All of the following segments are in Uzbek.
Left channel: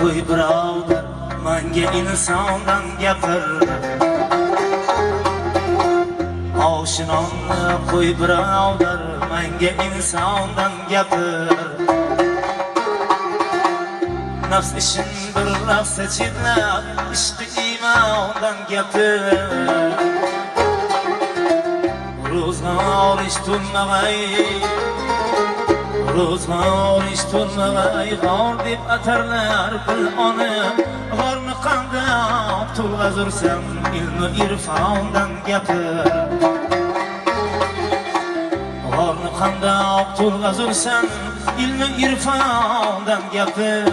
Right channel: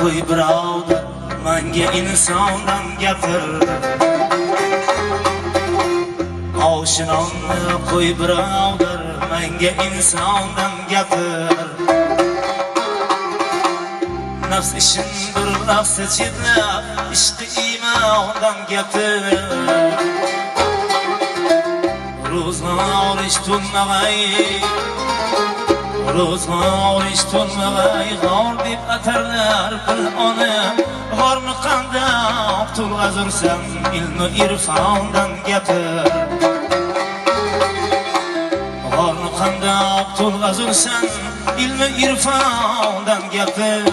qo'y birovdir menga insondan gapir. Oshinonni qo'y birovdir menga insondan gapir. Nafs ishindir nafsa chetlab ishqi iymondan gapir. Ro'zg'or ish tunmag'ay, ro'zg'or ish tunmag'ay, g'or deb atarlar qil ona. G'orni qandoq to'lg'azursam ilmi irfondan gapir. G'orni qandoq to'lg'azursam ilmi irfondan gapir.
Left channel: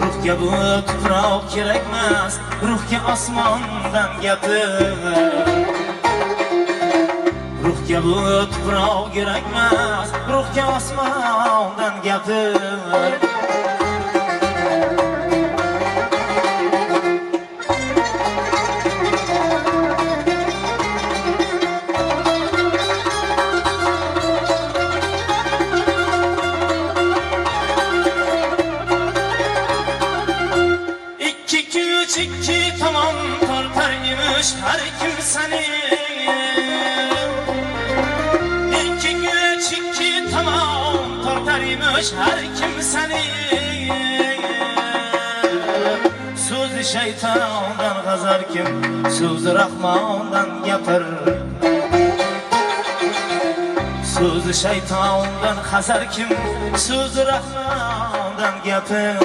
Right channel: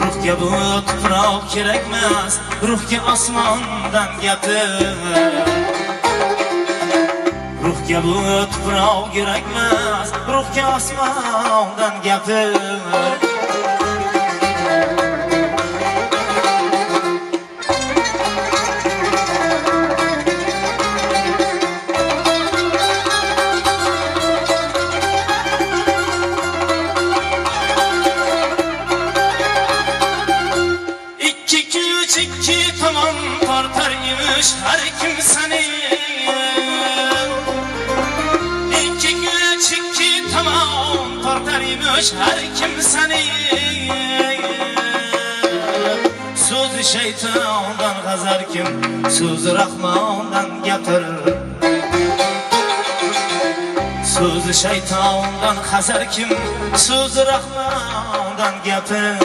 Ruhga bu tuproq kerakmas, ruhga osmondan gapir. Ruhga bu tuproq kerakmas, ruhga osmondan gapir. Her kimseni iki güç iki tamam tortarıymış her kimseni. Sözü şeytandan gazar kim, sözü Rahmandan gapir. Sözü şeytandan gazar kim, sözü Rahmandan gapir.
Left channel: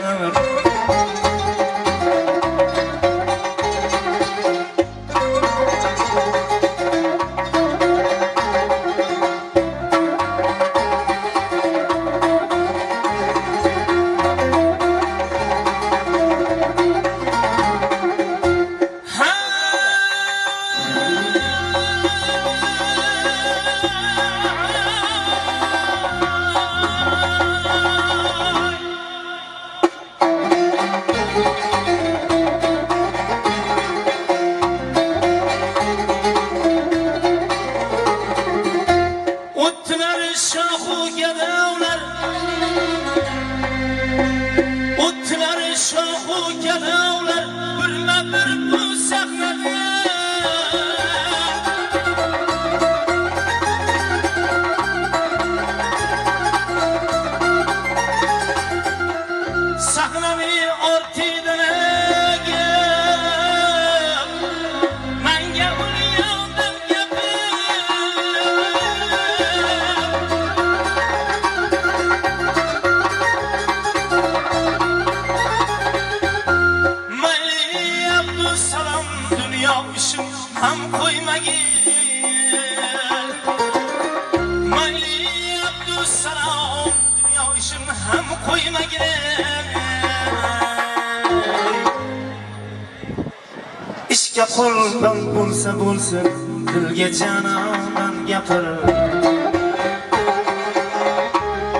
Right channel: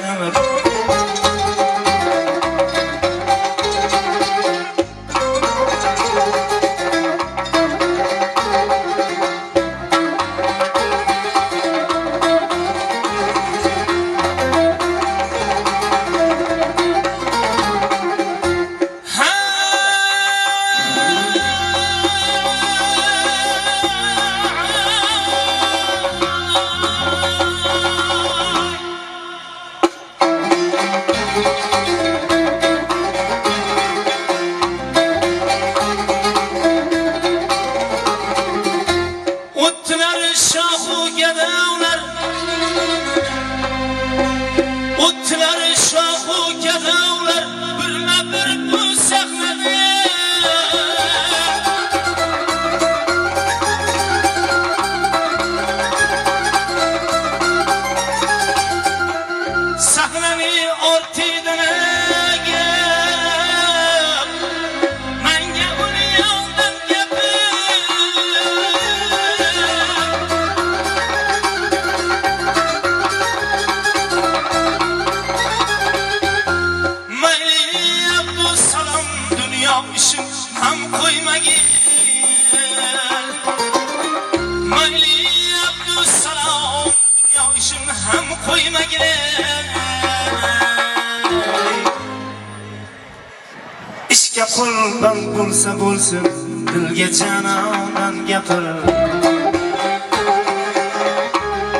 İşga qurban bo'lsa bo'lsin, dilga janonan gapir.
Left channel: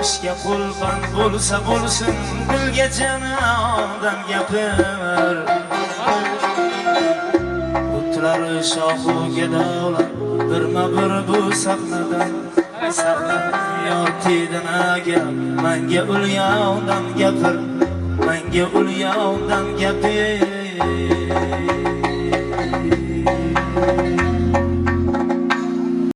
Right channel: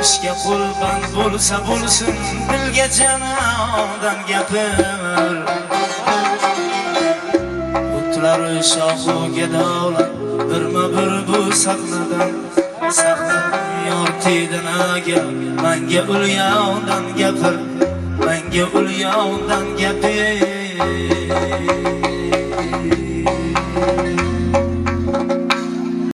İşga qurban bo'lsa bo'lsin, dilga janonan gapir. O'tlari shohu gadolar birma-bir bu sahnadan yor tedinaga menga ulyondan gapir, menga ulyondan gapir.